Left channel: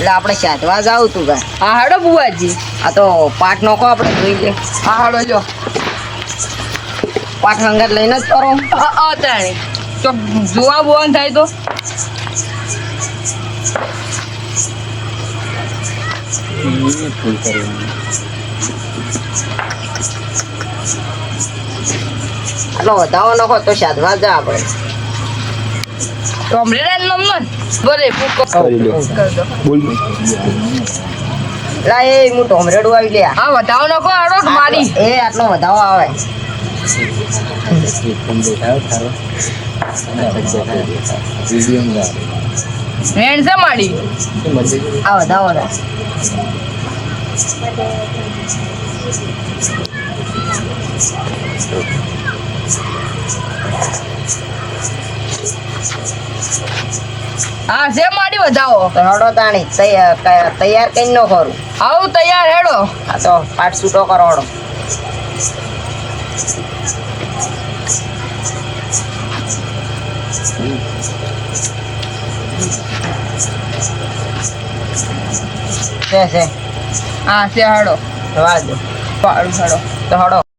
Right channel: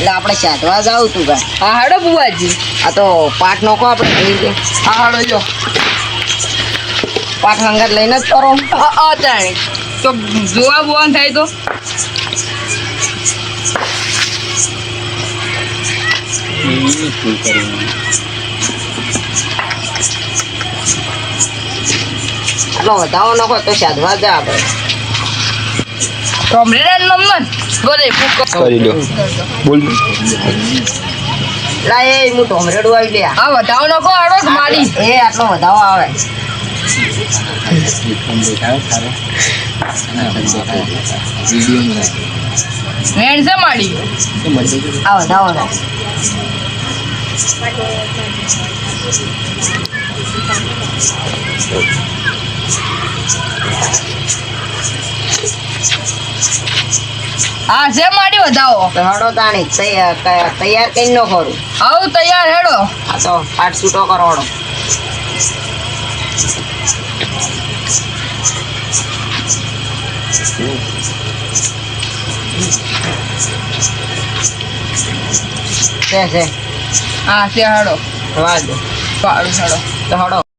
એટલે આપણે સાધવા જાવ તું ગાય. હા હાડો બુવાજી. આ તો પાટ નોખો આપણે ભૂલી દે. હા હાડો જો પાટ હંગાત લઈને જ કરો. હા તાણે તો જોવા બોવા થાય તો આટલો વધાવો નખો તો સાધવા જા આપણે. કોમરેડ નંબર બોલે કરી લો બોલ લા એ હું ટોમરેડું આવી લે. હા વધાવો નકો આડો મારી એ આટલો વધાવો આવે. હેન્ડ છે મારી આ વધાવો નો. હા છે મારી વધાવો તો હડો તાણી તૈયાર કઈ નો કરું. આવું તૈયાર હેડો આ તો પાટ છૂટો કરો હડો. છે હા છે હેડો રવા દો પાડું હેડો તો હડો.